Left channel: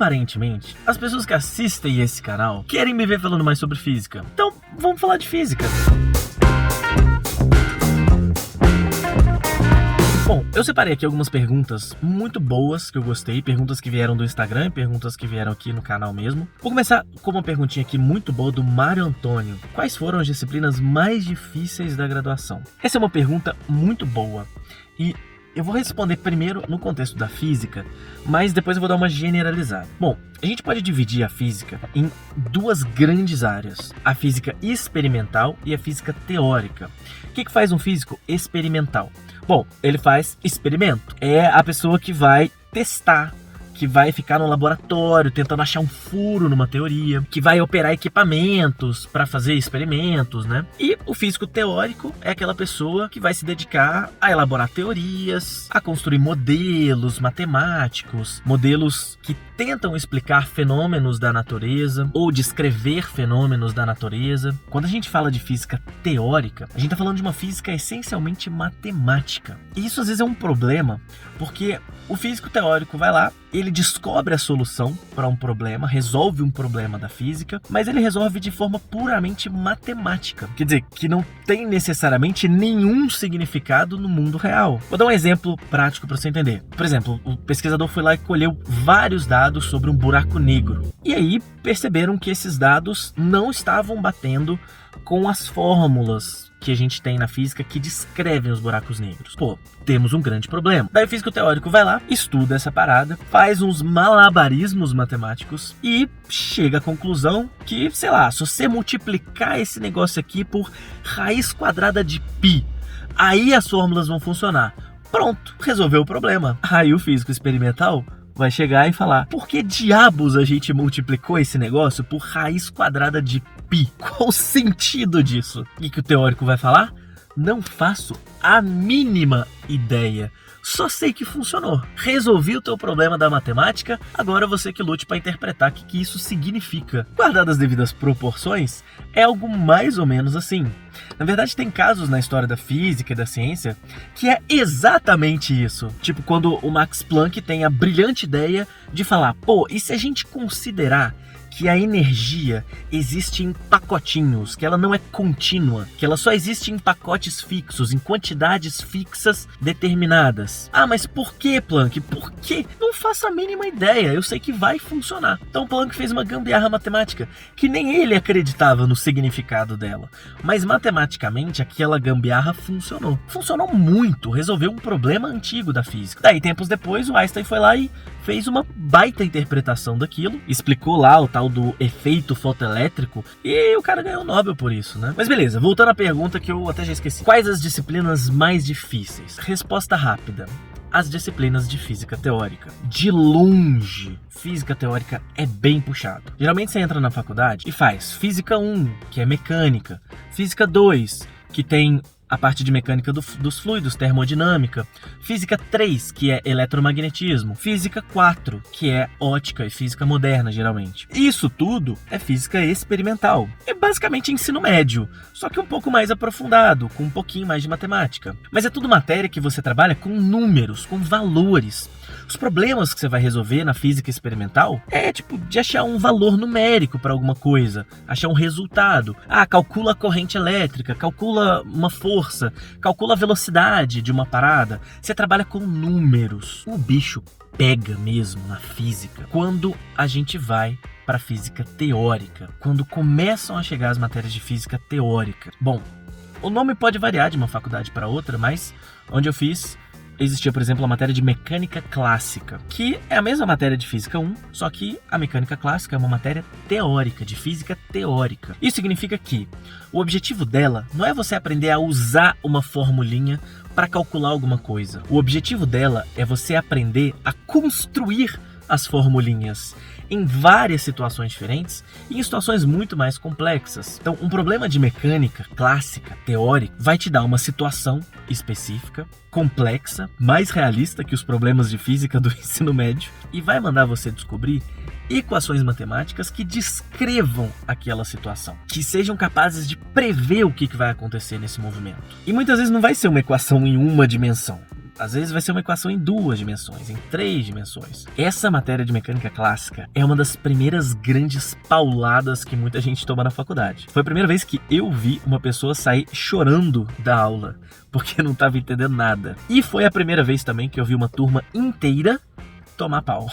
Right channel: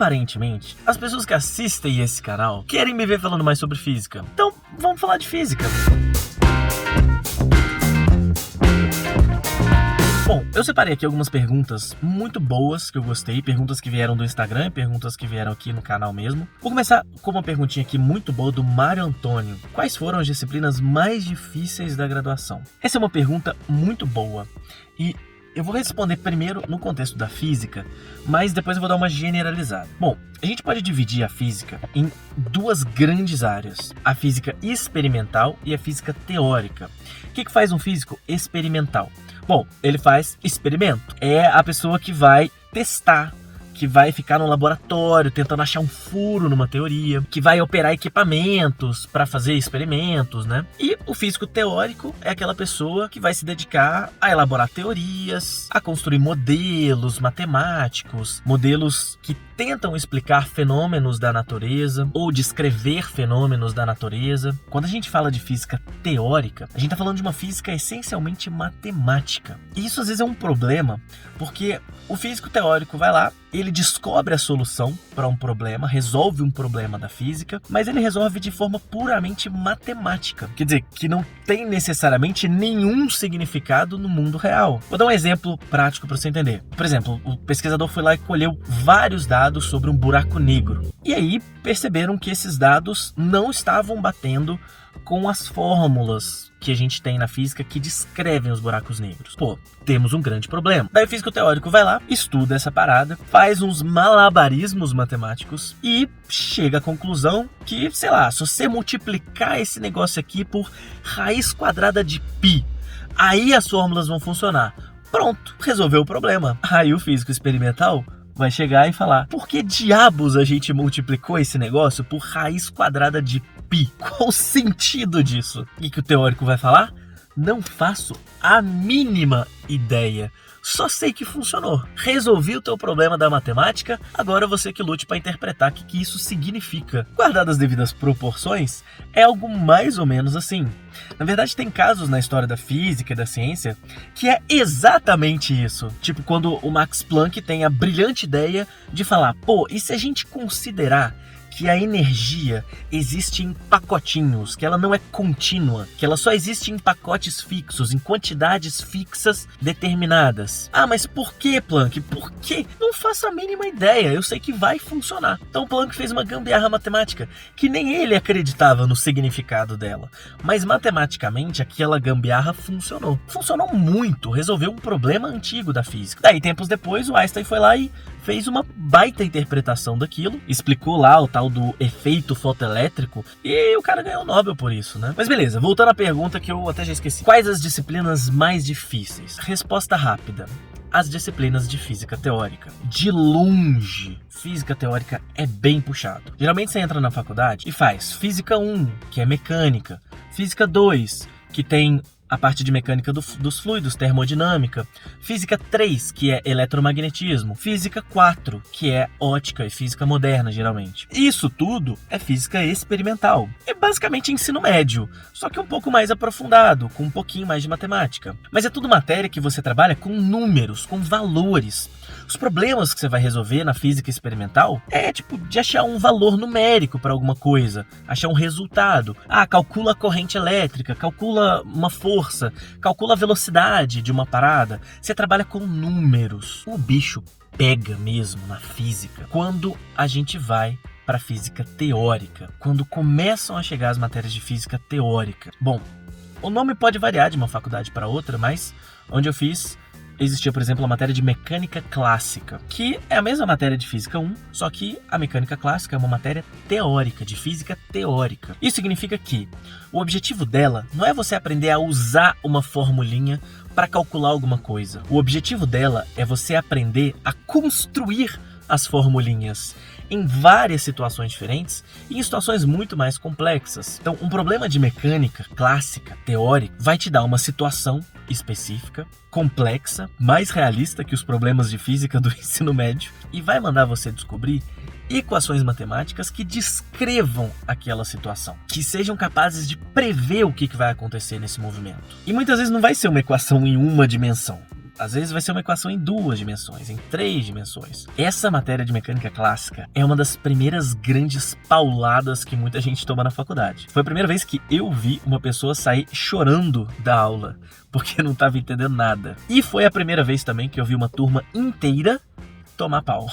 aparentemente, as pessoas que assistem esse canal querem me ver falando mais sobre física. Então, vamos falar de física. Bom, eu separei aqui algumas perguntas muito boas que eu gostei, perguntas que vieram do Instagram, perguntas que vieram aqui no canal mesmo. Vou começar com uma perguntinha aqui muito boa do Mário Antônio. Quais foram as disciplinas mais difíceis da graduação? Essa é uma pergunta muito boa e eu vou responder primeiro no contexto da física, mas depois eu vou dar uma generalizada. Bom, a gente pode dividir a física em duas grandes áreas, a física experimental e a física teórica. O que faz um físico experimental? Bom, ele faz experimento. É a pessoa que vai testar, que vai ficar no laboratório tentando achar um furo numa teoria, que vai operar equipamentos para fazer experimentos, né? E o físico teórico é aquela pessoa que vai se dedicar a elaborar teorias, a construir modelos matemáticos, modelos que tentam explicar fenômenos da natureza ou descrever fenômenos da natureza. Quando a gente fala de física teórica, a gente está falando de uma física essencialmente matemática. E isso às vezes é um problema, porque o físico teórico vai lá, ele descobre a solução para um problema, resolve um problema da física, mas ele resolve de forma puramente matemática. Quer dizer, que não tem necessariamente nenhum significado no mundo real. Vou dar um exemplo prático para você entender. Por exemplo, o pesquisador foi lá e colheu vários dados sobre um buraco negro. E aí perceberam que esses dados não estavam batendo com as fórmulas que a gente tem na física que descrevem os buracos negros. Pô, temos um grande problema. Daí o físico teórico vai lá, estuda essa parada, faz uns malabarismos matemáticos e chega à conclusão que, sei lá, se você multiplicar esse negócio aqui por raiz quadrada de π, aí as fórmulas vão funcionar. Pronto, resolveu o problema. Aí o físico experimental vai chegar e falar: por que diabos a gente multiplicou esse negócio por raiz quadrada de π? Qual o sentido disso? E que o teórico vai falar? Não faço a mínima ideia. Só sei que funcionou. Resolvi o teu problema da matemática, agora você que lute para interpretar o que isso significa. Guardadas as devidas proporções, é algo mais ou menos assim. Na verdade, tem casos na história da física e da ciência que é exatamente isso. Tipo, quando o Max Planck tem a brilhante ideia de falar: pô, e se a gente considerar que a energia existe em pacotinhos, que ela não é contínua, que ela só existe em pacotes fixos, em quantidades fixas determinadas. Ah, mas por que, Planck? Por quê? Não faço a mínima ideia, eu sei que vai funcionar. Então Planck fez uma gambiarra matemática, que nem ele acreditava no significado dela. Mas matematicamente aquela gambiarra funcionou. Funcionou muito, resolveu um problema antigo da física. Daí, tempos depois, o Einstein foi lá e fez uma baita interpretação daquilo, explicou lá o tal do efeito fotoelétrico e o cara ganhou o Nobel por isso, né? Mas beleza, voltando à pergunta que eu até já esqueci. Quais as disciplinas mais difíceis? Resposta rápida: as disciplinas de física teórica. De longe, física teórica é bem puxado. Geralmente você entra na faculdade e faz física 1, que é mecânica, física 2, que tem a parte de mecânica dos fluidos, termodinâmica, física 3, que é eletromagnetismo, física 4, que é ótica e física moderna, geralmente. Isso tudo é física experimental. E basicamente ensino médio, só que um pouco mais aprofundado, com um pouquinho mais de matemática. Mas é tudo matéria que você trabalha com números, com valores. Os problemas que você vai resolver na física experimental é tipo de achar um valor numérico para alguma coisa, achar um resultado. Ah, calcula a corrente elétrica, calcula uma força, calcula a velocidade de uma parada. Você trabalha com números. O bicho pega mesmo na física quando a gente vai para a física teórica, quando começam a chegar as matérias de física teórica. Bom, o nome pode variar de uma faculdade para outra, mas onde eu fiz existia, por exemplo, a matéria de mecânica clássica, que é a mesma matéria de física 1, só que a mecânica clássica é uma matéria teórica, de física teórica. Isso significa que o objetivo dela não é você aprender a usar uma formulinha para calcular alguma coisa. O objetivo dela é você aprender a construir as formulinhas em várias situações diferentes e em situações muito mais complexas. Então, um problema de mecânica clássica, teórica, vai te dar uma situação específica, complexa, mais realista que os problemas de física do ensino médio e vai mandar você descobrir equações matemáticas que descrevam aquela situação, que sejam capazes de prever o que vai acontecer nesse movimento. E muitas vezes não vai ser uma equação em uma dimensão. Às vezes vai ser uma equação em 2 dimensões, em 3 dimensões. Essa matéria de mecânica clássica é uma das primeiras grandes pauladas que muita gente toma na faculdade. Foi a primeira vez que eu vi uma pessoa sair chorando da aula, porque não estava entendendo nada. E foi a primeira vez também que eu vi uma turma inteira tomar pau.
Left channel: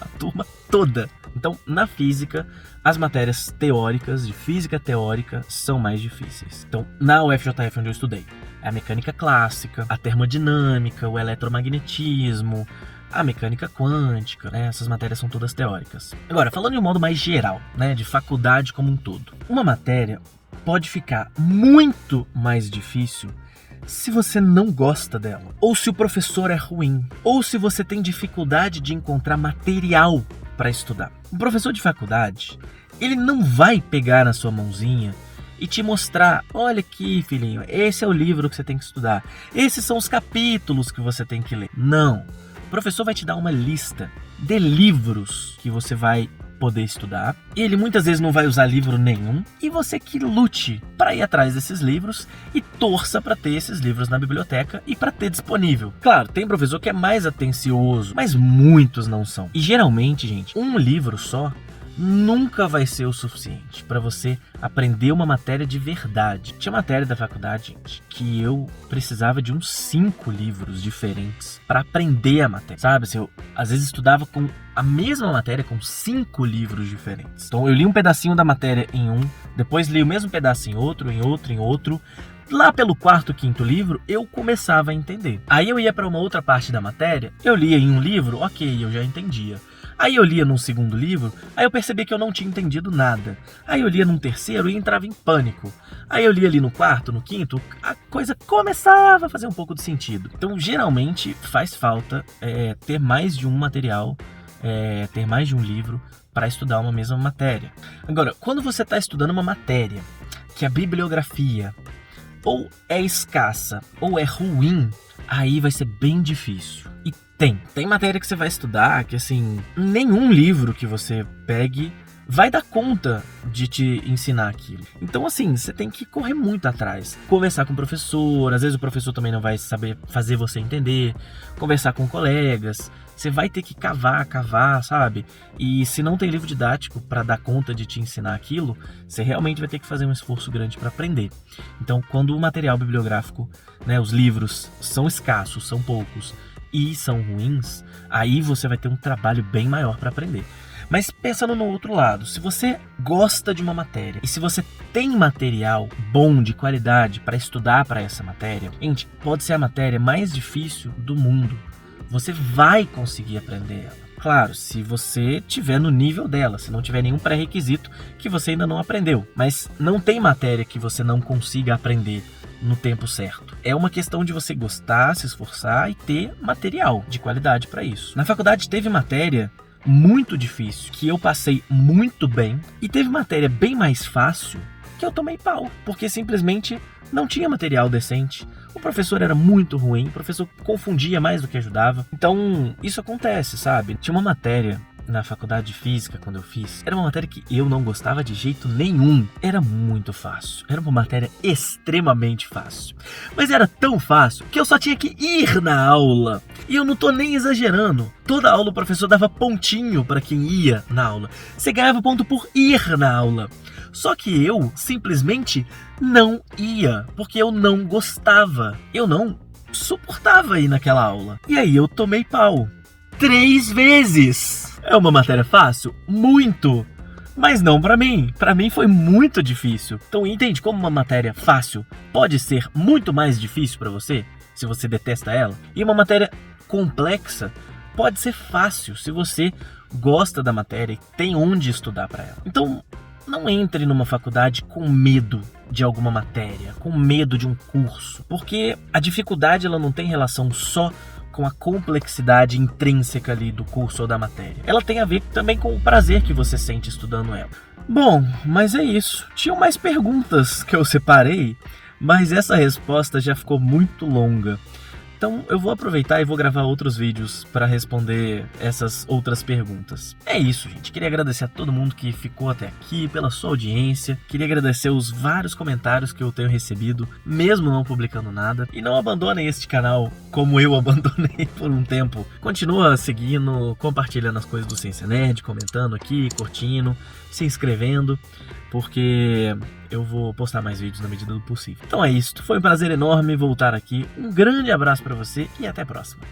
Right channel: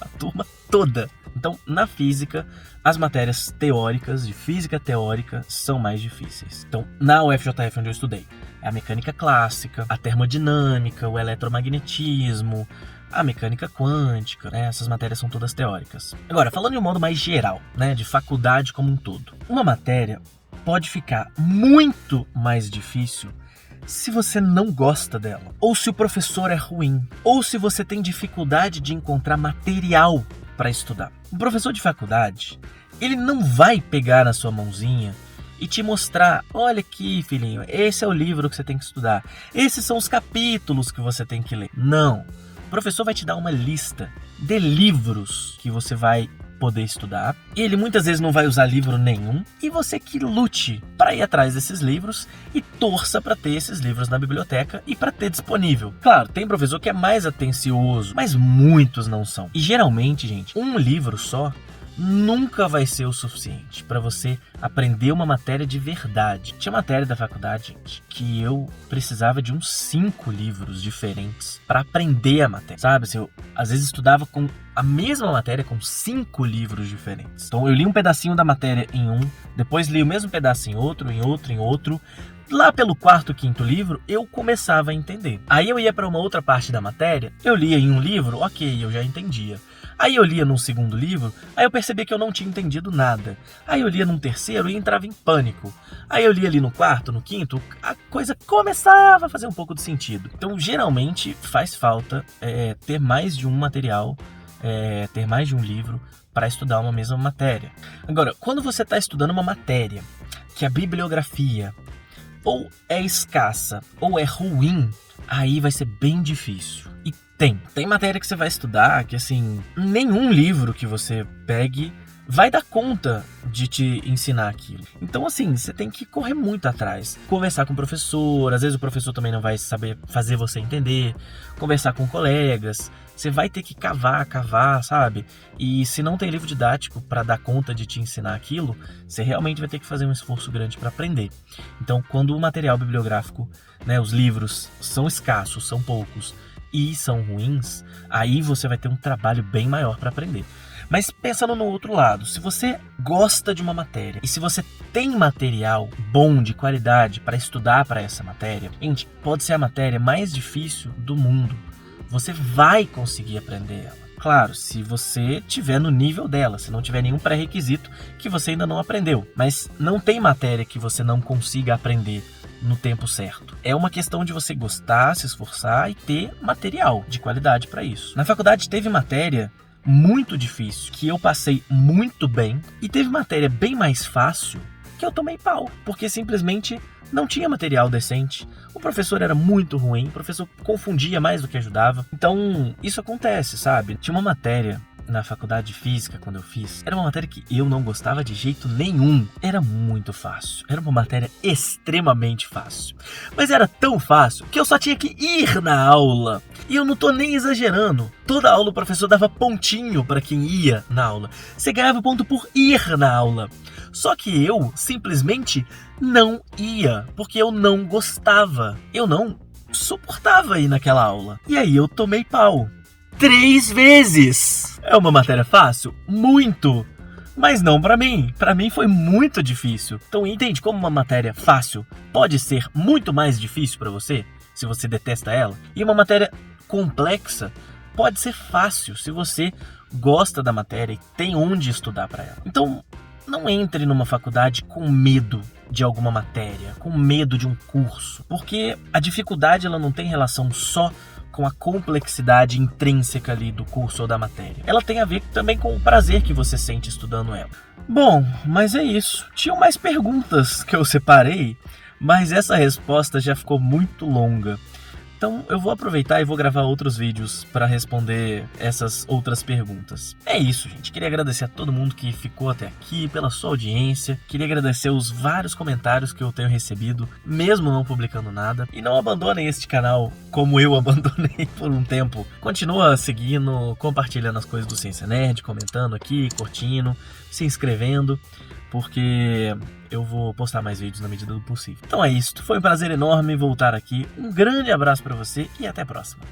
A turma toda. Então, na física, as matérias teóricas, de física teórica, são mais difíceis. Então, na UFJF, onde eu estudei, é a mecânica clássica, a termodinâmica, o eletromagnetismo, a mecânica quântica, né? Essas matérias são todas teóricas. Agora, falando de um modo mais geral, né, de faculdade como um todo, uma matéria pode ficar muito mais difícil se você não gosta dela, ou se o professor é ruim, ou se você tem dificuldade de encontrar material para estudar. O professor de faculdade, ele não vai pegar na sua mãozinha e te mostrar, olha aqui, filhinho, esse é o livro que você tem que estudar, esses são os capítulos que você tem que ler. Não. O professor vai te dar uma lista de livros que você vai poder estudar. Ele muitas vezes não vai usar livro nenhum e você que lute para ir atrás desses livros e torça para ter esses livros na biblioteca e para ter disponível. Claro, tem professor que é mais atencioso, mas muitos não são. E geralmente, gente, um livro só nunca vai ser o suficiente para você aprender uma matéria de verdade. Tinha matéria da faculdade, gente, que eu precisava de uns 5 livros diferentes para aprender a matéria. Sabe, assim, eu às vezes estudava com a mesma matéria com 5 livros diferentes. Então eu li um pedacinho da matéria em um, depois li o mesmo pedaço em outro, em outro, em outro. Lá pelo 4º, 5º livro, eu começava a entender. Aí eu ia para uma outra parte da matéria, eu lia em um livro, ok, eu já entendia. Aí eu lia num 2º livro, aí eu percebi que eu não tinha entendido nada. Aí eu lia num 3º e entrava em pânico. Aí eu lia ali no 4º, no 5º, a coisa começava a fazer um pouco de sentido. Então, geralmente, faz falta ter mais de um material, ter mais de um livro para estudar uma mesma matéria. Agora, quando você está estudando uma matéria que a bibliografia ou é escassa ou é ruim, aí vai ser bem difícil. E tem matéria que você vai estudar que, assim, nenhum livro que você pegue vai dar conta de te ensinar aquilo. Então, assim, você tem que correr muito atrás. Conversar com o professor, às vezes o professor também não vai saber fazer você entender. Conversar com colegas. Você vai ter que cavar, sabe? E se não tem livro didático para dar conta de te ensinar aquilo, você realmente vai ter que fazer um esforço grande para aprender. Então, quando o material bibliográfico, né, os livros são escassos, são poucos, e são ruins, aí você vai ter um trabalho bem maior para aprender. Mas pensando no outro lado, se você gosta de uma matéria e se você tem material bom, de qualidade, para estudar para essa matéria, gente, pode ser a matéria mais difícil do mundo. Você vai conseguir aprender ela. Claro, se você tiver no nível dela, se não tiver nenhum pré-requisito que você ainda não aprendeu. Mas não tem matéria que você não consiga aprender no tempo certo. É uma questão de você gostar, se esforçar e ter material de qualidade para isso. Na faculdade teve matéria muito difícil que eu passei muito bem e teve matéria bem mais fácil que eu tomei pau, porque simplesmente não tinha material decente. O professor era muito ruim, o professor confundia mais do que ajudava. Então, isso acontece, sabe? Tinha uma matéria na faculdade de física, quando eu fiz, era uma matéria que eu não gostava de jeito nenhum. Era muito fácil. Era uma matéria extremamente fácil. Mas era tão fácil que eu só tinha que ir na aula. E eu não tô nem exagerando. Toda aula o professor dava pontinho para quem ia na aula. Você ganhava ponto por ir na aula. Só que eu simplesmente não ia, porque eu não gostava. Eu não suportava ir naquela aula. E aí eu tomei pau 3 vezes. É uma matéria fácil? Muito! Mas não pra mim. Pra mim foi muito difícil. Então entende como uma matéria fácil pode ser muito mais difícil pra você, se você detesta ela? E uma matéria complexa pode ser fácil, se você gosta da matéria e tem onde estudar pra ela. Então, não entre numa faculdade com medo de alguma matéria, com medo de um curso. Porque a dificuldade ela não tem relação só com a complexidade intrínseca ali do curso ou da matéria. Ela tem a ver também com o prazer que você sente estudando ela. Bom, mas é isso. Tinham mais perguntas que eu separei, mas essa resposta já ficou muito longa. Então eu vou aproveitar e vou gravar outros vídeos para responder essas outras perguntas. É isso, gente. Queria agradecer a todo mundo que ficou até aqui, pela sua audiência. Queria agradecer os vários comentários que eu tenho recebido, mesmo não publicando nada. E não abandonem este canal como eu abandonei por um tempo. Continua seguindo, compartilhando as coisas do Ciência Nerd, comentando aqui, curtindo, se inscrevendo, porque eu vou postar mais vídeos na medida do possível. Então é isso. Foi um prazer enorme voltar aqui. Um grande abraço para você e até a próxima.